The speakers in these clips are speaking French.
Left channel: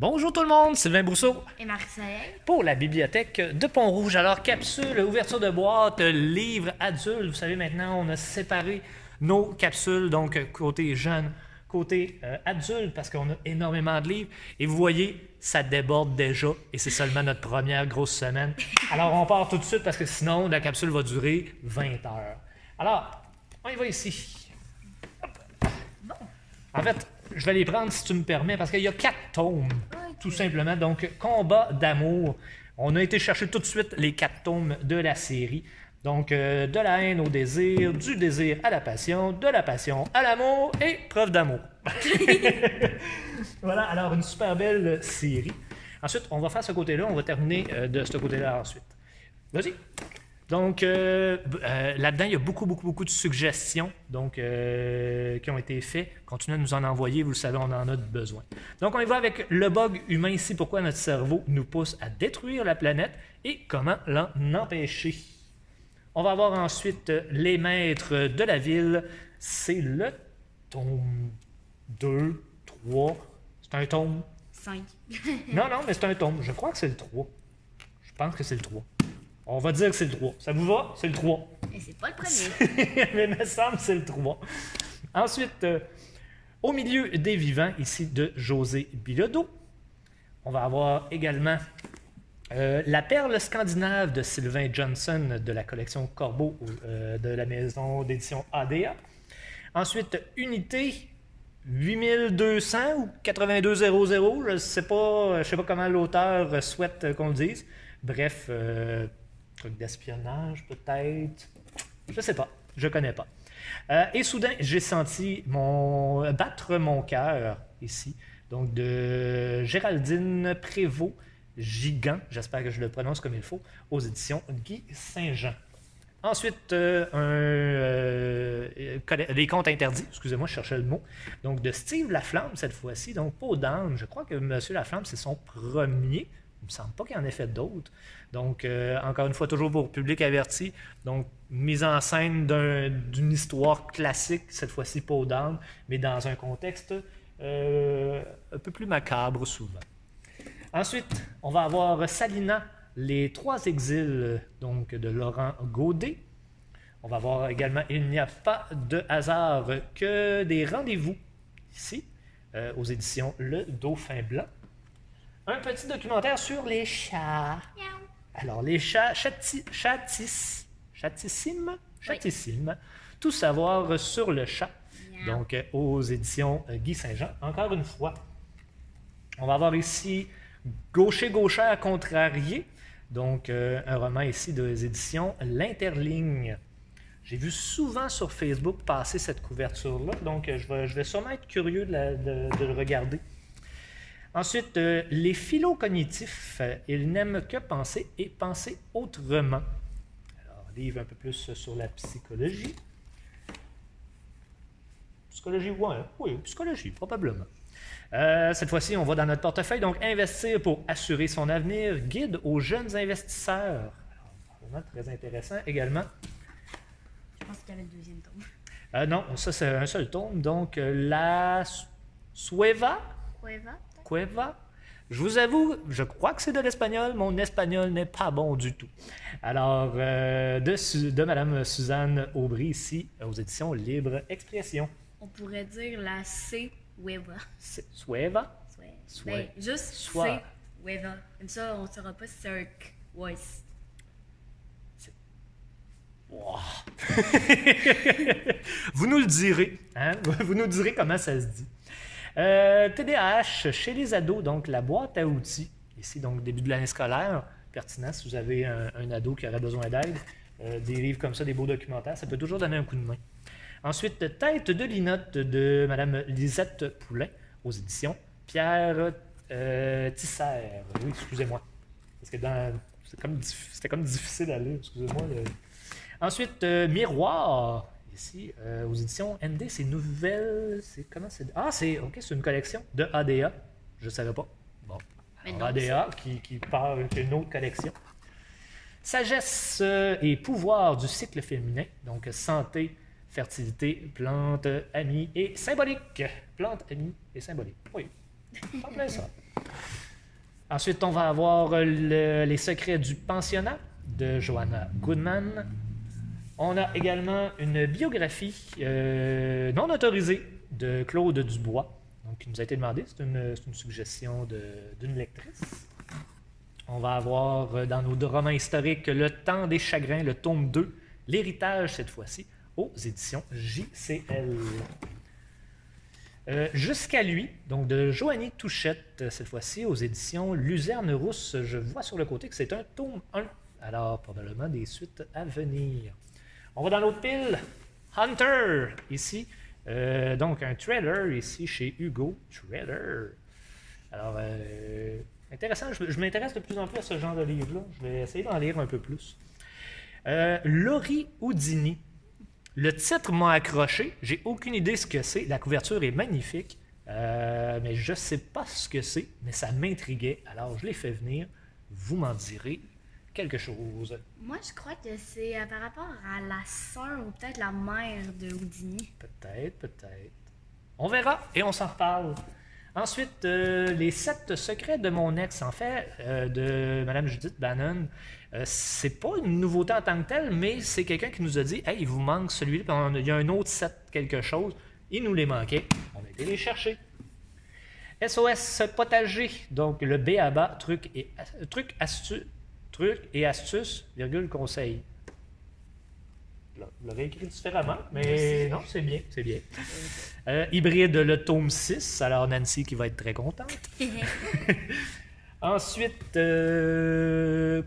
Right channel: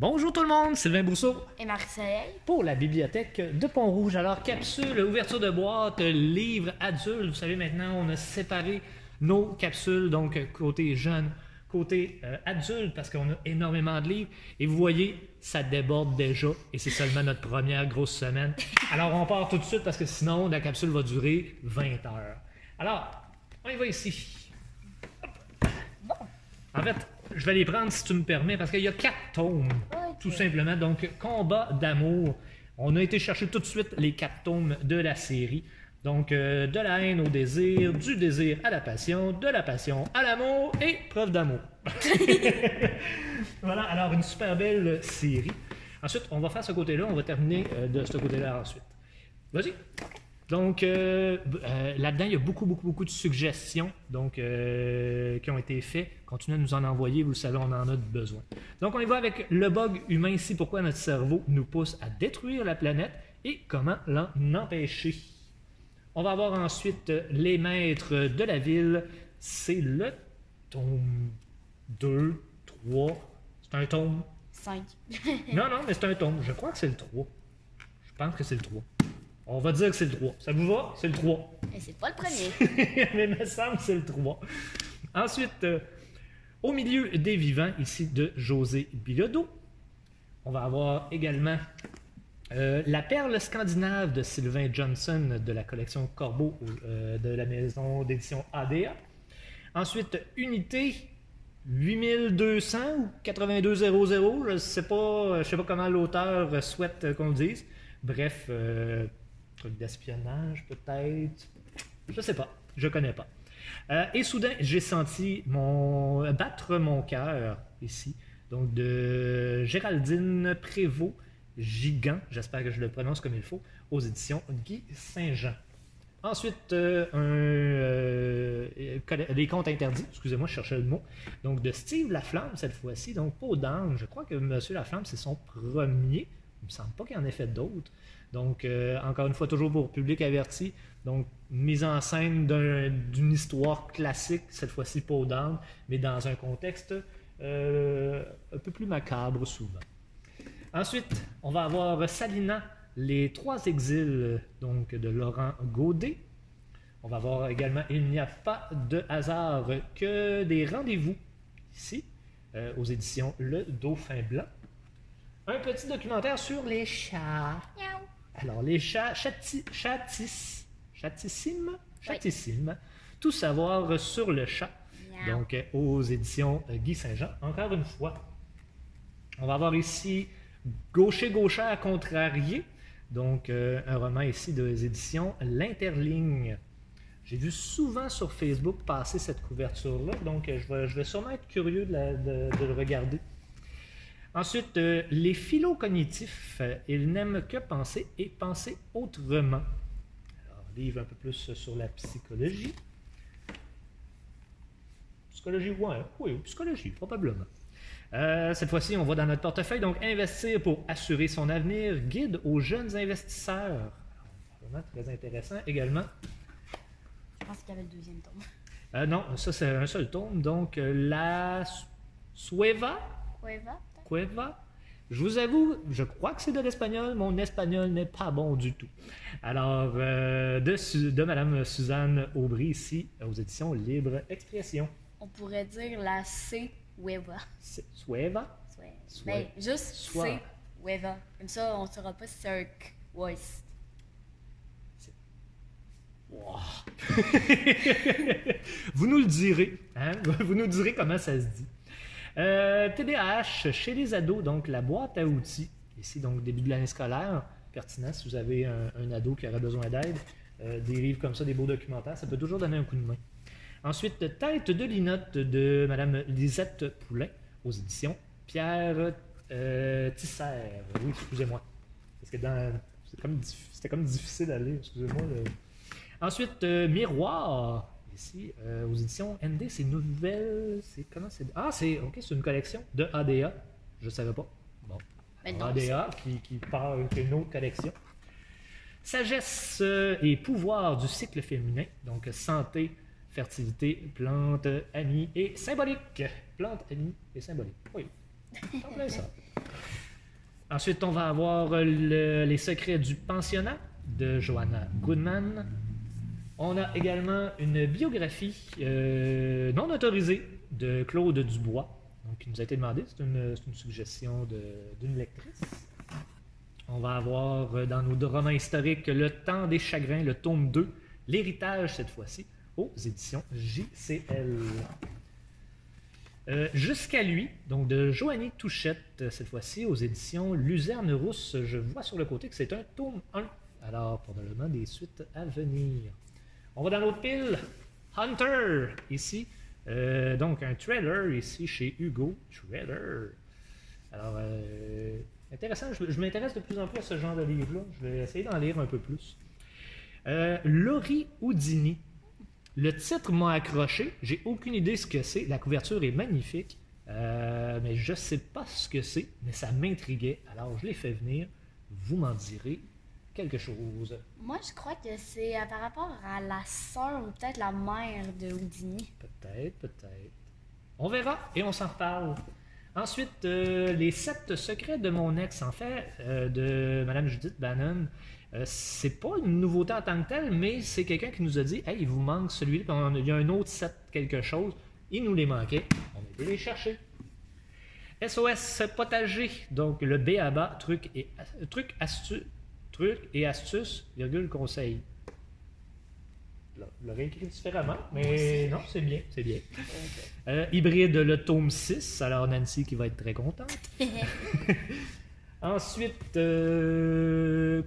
Bonjour tout le monde, Sylvain Brousseau Et Marcel. pour la bibliothèque de Pont-Rouge. Alors, capsule, ouverture de boîte, livre adulte. Vous savez, maintenant, on a séparé nos capsules, donc côté jeune, côté adulte, parce qu'on a énormément de livres. Et vous voyez, ça déborde déjà et c'est seulement notre première grosse semaine. Alors, on part tout de suite parce que sinon, la capsule va durer 20 heures. Alors, on y va ici. Bon. En fait, je vais les prendre si tu me permets, parce qu'il y a 4 tomes, tout simplement. Donc, Combat d'amour. On a été chercher tout de suite les 4 tomes de la série. Donc, de la haine au désir, du désir à la passion, de la passion à l'amour et preuve d'amour. Voilà, alors une super belle série. Ensuite, on va faire ce côté-là, on va terminer de ce côté-là ensuite. Vas-y. Donc, là-dedans, il y a beaucoup de suggestions donc, qui ont été faites. Continuez à nous en envoyer, vous le savez, on en a besoin. Donc, on y va avec le bug humain ici, pourquoi notre cerveau nous pousse à détruire la planète et comment l'en empêcher. On va avoir ensuite les maîtres de la ville. C'est le tome 2, 3. C'est un tome. 5. Non, mais c'est un tome. Je crois que c'est le 3. Je pense que c'est le 3. On va dire que c'est le 3. Ça vous va? C'est le 3. Et c'est pas le premier. Mais il me semble que c'est le 3. Ensuite, Au milieu des vivants, ici de José Bilodeau. On va avoir également La perle scandinave de Sylvain Johnson de la collection Corbeau de la maison d'édition ADA. Ensuite, Unité 8200 ou 8200, je ne sais pas comment l'auteur souhaite qu'on le dise. Bref, truc d'espionnage peut-être, je sais pas, je connais pas. Et soudain, j'ai senti battre mon cœur ici, donc de Géraldine Prévost, Gigant, j'espère que je le prononce comme il faut, aux éditions Guy Saint-Jean. Ensuite, les contes interdits, excusez-moi, je cherchais le mot, donc de Steve Laflamme cette fois-ci, donc Peau d'âne, je crois que M. Laflamme, c'est son premier, il me semble pas qu'il en ait fait d'autres. Donc, encore une fois, toujours pour public averti. Donc, mise en scène d'une histoire classique, cette fois-ci Peau d'âne, mais dans un contexte un peu plus macabre souvent. Ensuite, on va avoir Salina, les 3 exils donc, de Laurent Godet. On va voir également Il n'y a pas de hasard que des rendez-vous, ici, aux éditions Le Dauphin Blanc. Un petit documentaire sur les chats. Miaou. Alors, les chats chatissimes. Tout savoir sur le chat. Miaou. Donc, aux éditions Guy Saint-Jean. Encore une fois, on va avoir ici Gaucher-gauchère contrarié. Donc, un roman ici des éditions L'Interligne. J'ai vu souvent sur Facebook passer cette couverture-là. Donc, je vais sûrement être curieux de le regarder. Ensuite, les philocognitifs, ils n'aiment que penser et penser autrement. Alors, livre un peu plus sur la psychologie. Psychologie, ouais, oui, psychologie, probablement. Cette fois-ci, on va dans notre portefeuille, donc investir pour assurer son avenir, guide aux jeunes investisseurs. Alors, vraiment très intéressant également. Je pense qu'il y avait le deuxième tome. Non, ça c'est un seul tome, donc la Cueva. Je vous avoue, je crois que c'est de l'espagnol. Mon espagnol n'est pas bon du tout. Alors, de Mme Suzanne Aubry, ici, aux éditions Libre Expression. On pourrait dire la C-Weva. Sueva? Ben, juste Soit. C-Weva. Comme ça, on ne saura pas si c'est un K ou un S. Wow. Vous nous le direz. Hein? Vous nous direz comment ça se dit. TDAH chez les ados, donc la boîte à outils. Ici, donc début de l'année scolaire. Pertinent si vous avez un ado qui aurait besoin d'aide. Des livres comme ça, des beaux documentaires, ça peut toujours donner un coup de main. Ensuite, Tête de linotte de Mme Lisette Poulain aux éditions Pierre Tisser. Oui, excusez-moi. Parce que c'était comme difficile à lire, excusez-moi. Ensuite, Miroir, ici, aux éditions ND, c'est nouvelle. Comment c'est? Ah, c'est une collection de ADA. Je ne savais pas. Bon. Mais ADA qui part d'une autre collection. Sagesse et pouvoir du cycle féminin. Donc, santé, fertilité, plantes, amis et symbolique. Plantes, amis et symbolique. Oui. Parfait, ça. Ensuite, on va avoir Les secrets du pensionnat de Joanna Goodman. On a également une biographie non autorisée de Claude Dubois, donc, qui nous a été demandée. C'est une suggestion d'une lectrice. On va avoir dans nos romans historiques Le temps des chagrins, le tome 2, L'héritage cette fois-ci, aux éditions JCL. Jusqu'à lui, donc de Joanie Touchette, cette fois-ci aux éditions Luzerne Rousse. Je vois sur le côté que c'est un tome 1. Alors, probablement des suites à venir. On va dans l'autre pile. Hunter, ici. Donc, un trailer ici chez Hugo Trailer. Alors, intéressant. Je m'intéresse de plus en plus à ce genre de livre-là. Je vais essayer d'en lire un peu plus. Laurie Houdini. Le titre m'a accroché. J'ai aucune idée ce que c'est. La couverture est magnifique. Mais je ne sais pas ce que c'est. Mais ça m'intriguait. Alors, je l'ai fait venir. Vous m'en direz quelque chose. Moi, je crois que c'est par rapport à la sœur ou peut-être la mère de Houdini. Peut-être. On verra et on s'en reparle. Ensuite, les 7 secrets de mon ex, en fait, de Mme Judith Bannon. C'est pas une nouveauté en tant que telle, mais c'est quelqu'un qui nous a dit « Hey, il vous manque celui-là, puis il y a un autre set quelque chose. » Il nous les manquait. On a été les chercher. SOS Potager, donc le B.A.B.A. trucs et astuces, virgule, conseil. Vous l'avez écrit différemment, mais non, c'est bien. Hybride, le tome 6, alors Nancy qui va être très contente. Ensuite,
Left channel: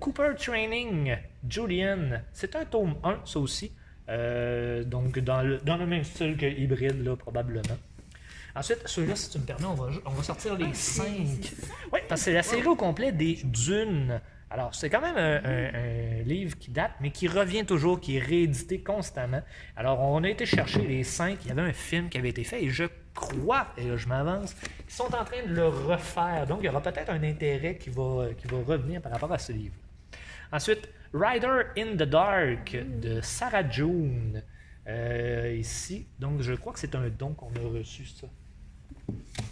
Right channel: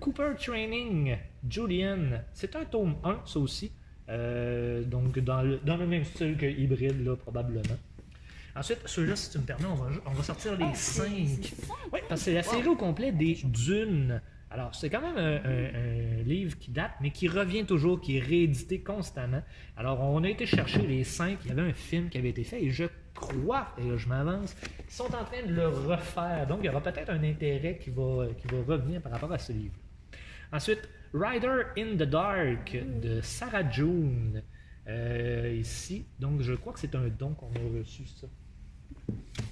Cooper Training, Julian, c'est un tome 1, ça aussi. Donc, dans le même style que Hybride, là, probablement. Ensuite, ceux-là, si tu me permets, on va sortir les 5. Oui, parce que c'est la série au complet des Dunes. Alors, c'est quand même un livre qui date, mais qui revient toujours, qui est réédité constamment. Alors, on a été chercher les 5. Il y avait un film qui avait été fait, et je crois, et là, je m'avance, qu'ils sont en train de le refaire. Donc, il y aura peut-être un intérêt qui va revenir par rapport à ce livre. Ensuite, Rider in the Dark de Sarah June. Ici, donc je crois que c'est un don qu'on a reçu, ça.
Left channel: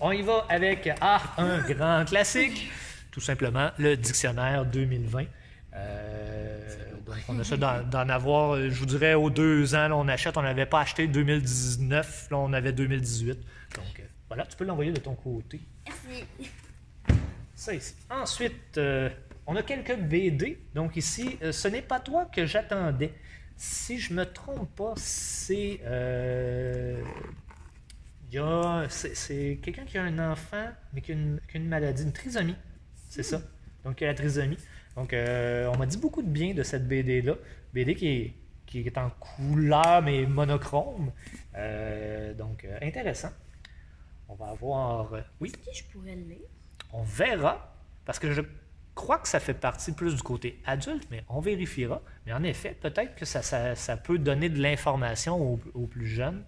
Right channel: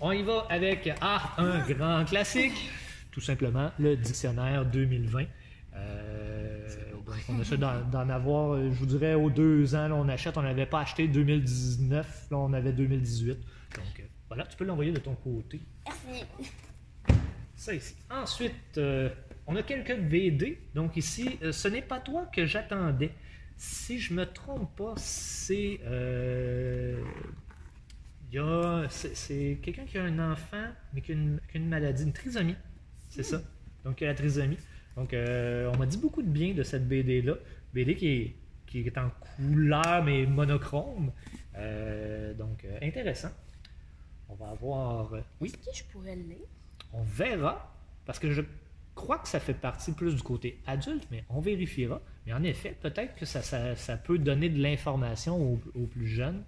On y va avec un grand classique, tout simplement, le dictionnaire 2020. Donc on a ça d'en avoir, je vous dirais, aux 2 ans, là, on achète, on n'avait pas acheté 2019, là on avait 2018. Donc voilà, tu peux l'envoyer de ton côté. Merci. Ça ici. Ensuite, on a quelques BD. Donc ici, ce n'est pas toi que j'attendais. Si je me trompe pas, c'est quelqu'un qui a un enfant, mais qui a une maladie, une trisomie. C'est ça. Donc, il a la trisomie. Donc, on m'a dit beaucoup de bien de cette BD-là. BD qui est en couleur, mais monochrome. Donc, intéressant. On va avoir... oui. Est-ce que je pourrais le lire? On verra, parce que je crois que ça fait partie plus du côté adulte, mais on vérifiera. Mais en effet, peut-être que ça peut donner de l'information aux plus jeunes.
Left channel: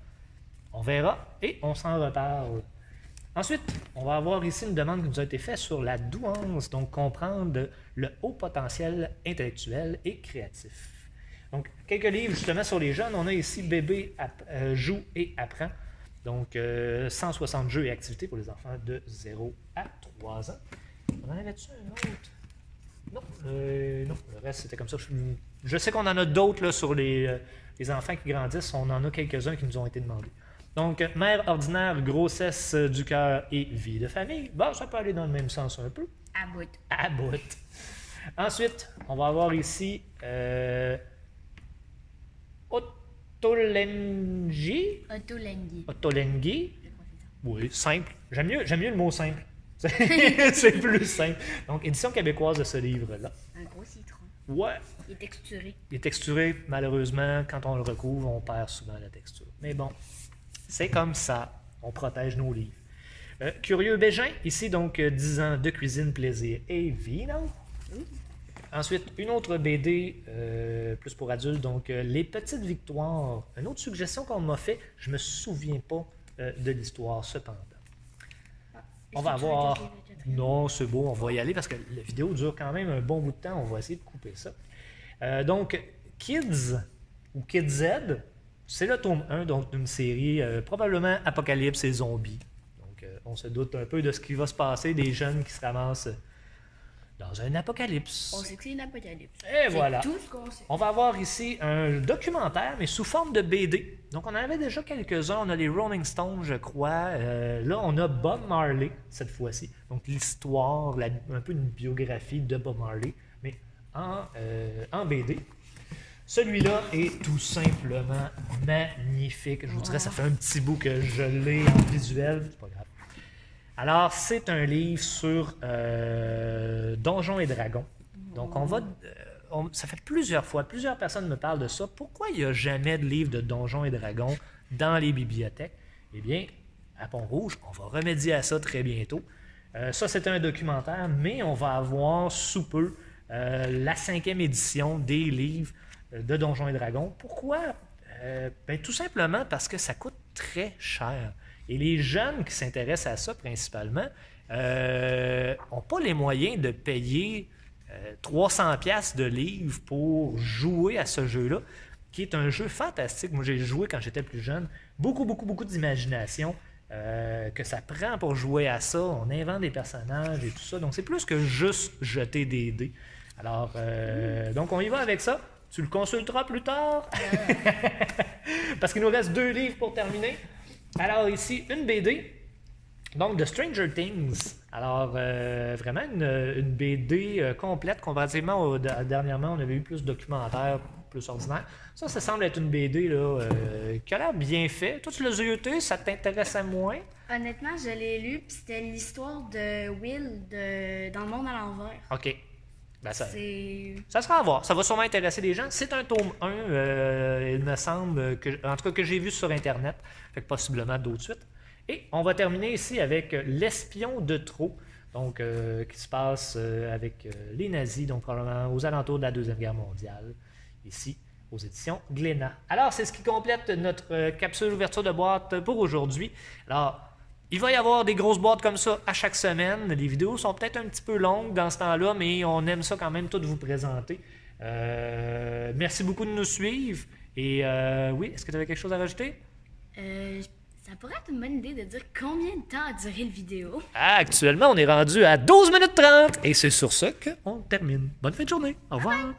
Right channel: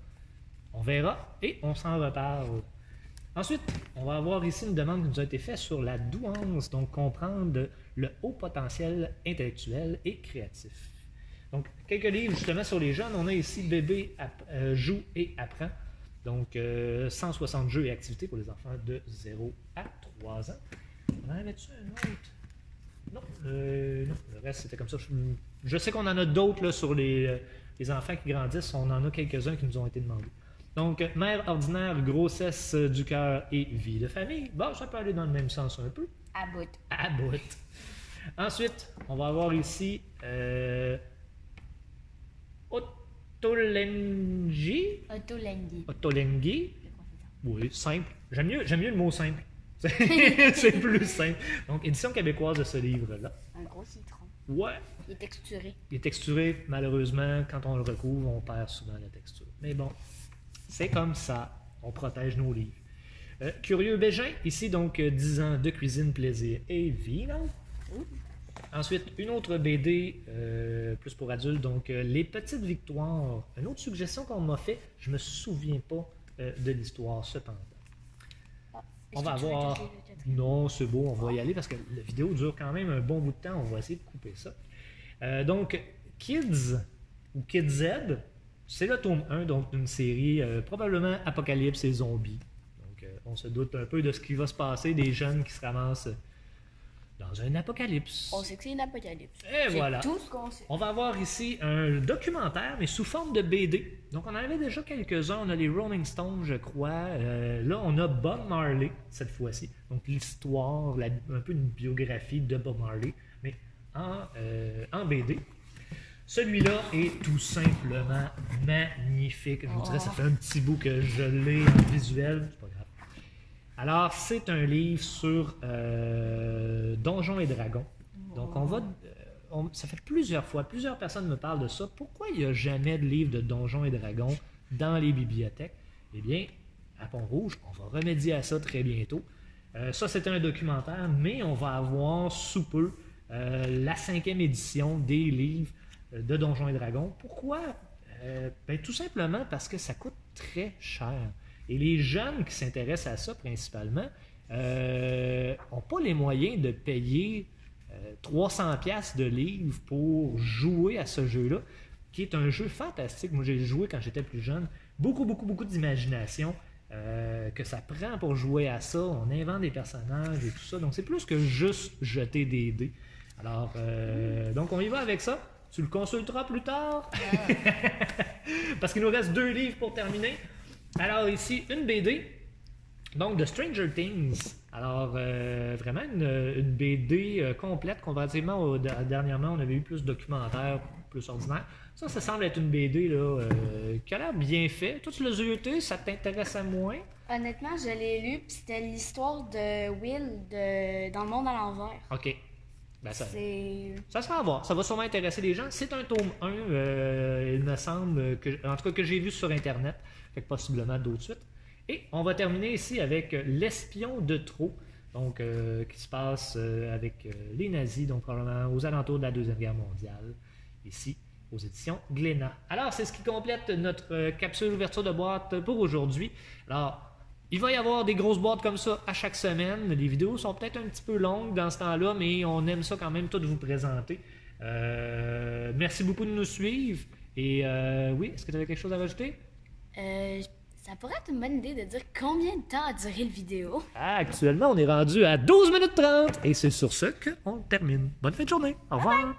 On verra et on s'en reparle. Ensuite, on va avoir ici une demande qui nous a été faite sur la douance, donc comprendre le haut potentiel intellectuel et créatif. Donc, quelques livres justement sur les jeunes. On a ici Bébé joue et apprend. Donc, 160 jeux et activités pour les enfants de 0 à 3 ans. On en avait-tu un autre? Non, non, le reste c'était comme ça. Je sais qu'on en a d'autres là, sur les enfants qui grandissent. On en a quelques-uns qui nous ont été demandés. Donc, mère ordinaire, grossesse du cœur et vie de famille. Bon, ça peut aller dans le même sens un peu. À bout. À bout. Ensuite, on va avoir ici Ottolenghi. Ottolenghi. Oui, simple. J'aime mieux le mot simple. C'est plus simple. Donc, édition québécoise de ce livre-là. Un gros citron. Ouais. Il est texturé. Il est texturé, malheureusement, quand on le recouvre, on perd souvent la texture. Mais bon, c'est comme ça. On protège nos livres. Curieux Bégin, ici donc 10 ans de cuisine, plaisir et vino. Ensuite, une autre BD, plus pour adultes, donc Les Petites Victoires. Une autre suggestion qu'on m'a fait, je me souviens pas de l'histoire cependant. On va avoir... Non, c'est beau, on va y aller parce que la vidéo dure quand même un bon bout de temps. On va essayer de couper ça. Donc, Kids ou Kids Z, c'est le tome 1 donc d'une série probablement Apocalypse et Zombies. Donc, on se doute un peu de ce qui va se passer, des jeunes qui se ramassent dans un apocalypse. On sait que c'est une apocalypse. Et C'est voilà. tout ce qu'on sait. On va avoir ici un documentaire, mais sous forme de BD. Donc, on en avait déjà quelques-uns. On a les Rolling Stones, je crois. Là, on a Bob Marley, cette fois-ci. Donc, l'histoire, un peu une biographie de Bob Marley, mais en BD. Celui-là est tout simplement magnifique. Je vous dirais, ça fait un petit bout que je l'ai en visuel. C'est pas grave. Alors, c'est un livre sur Donjons et Dragons. Donc, ça fait plusieurs personnes me parlent de ça. Pourquoi il n'y a jamais de livre de Donjons et Dragons dans les bibliothèques? Eh bien, à Pont-Rouge, on va remédier à ça très bientôt. Ça, c'est un documentaire, mais on va avoir sous peu la 5e édition des livres de Donjons et Dragons. Pourquoi? Tout simplement parce que ça coûte très cher. Et les jeunes qui s'intéressent à ça principalement n'ont pas les moyens de payer 300$ de livres pour jouer à ce jeu-là, qui est un jeu fantastique. Moi, j'ai joué quand j'étais plus jeune. Beaucoup d'imagination que ça prend pour jouer à ça. On invente des personnages et tout ça. Donc, c'est plus que juste jeter des dés. Alors, donc, on y va avec ça. Tu le consulteras plus tard. Parce qu'il nous reste 2 livres pour terminer. Alors ici, une BD, donc de Stranger Things. Alors, vraiment une BD complète, comparativement dernièrement, on avait eu plus de documentaires, plus ordinaires. Ça semble être une BD là, qui a l'air bien faite. Toi, tu l'as zioté, ça t'intéressait moins? Honnêtement, je l'ai lu, puis c'était l'histoire de Will dans le monde à l'envers. OK. Ben, ça C'est... sera à voir. Ça va sûrement intéresser les gens. C'est un tome 1, il me semble, en tout cas que j'ai vu sur Internet. Fait que possiblement d'autres suites. Et on va terminer ici avec L'espion de trop, donc qui se passe avec les nazis, donc probablement aux alentours de la Deuxième Guerre mondiale, ici aux éditions Glénat. Alors, c'est ce qui complète notre capsule ouverture de boîte pour aujourd'hui. Alors, il va y avoir des grosses boîtes comme ça à chaque semaine. Les vidéos sont peut-être un petit peu longues dans ce temps-là, mais on aime ça quand même tout vous présenter. Merci beaucoup de nous suivre. Et oui, est-ce que tu avais quelque chose à rajouter? Ça pourrait être une bonne idée de dire combien de temps a duré la vidéo. Actuellement, on est rendu à 12 minutes 30. Et c'est sur ce qu'on termine. Bonne fin de journée. Au revoir.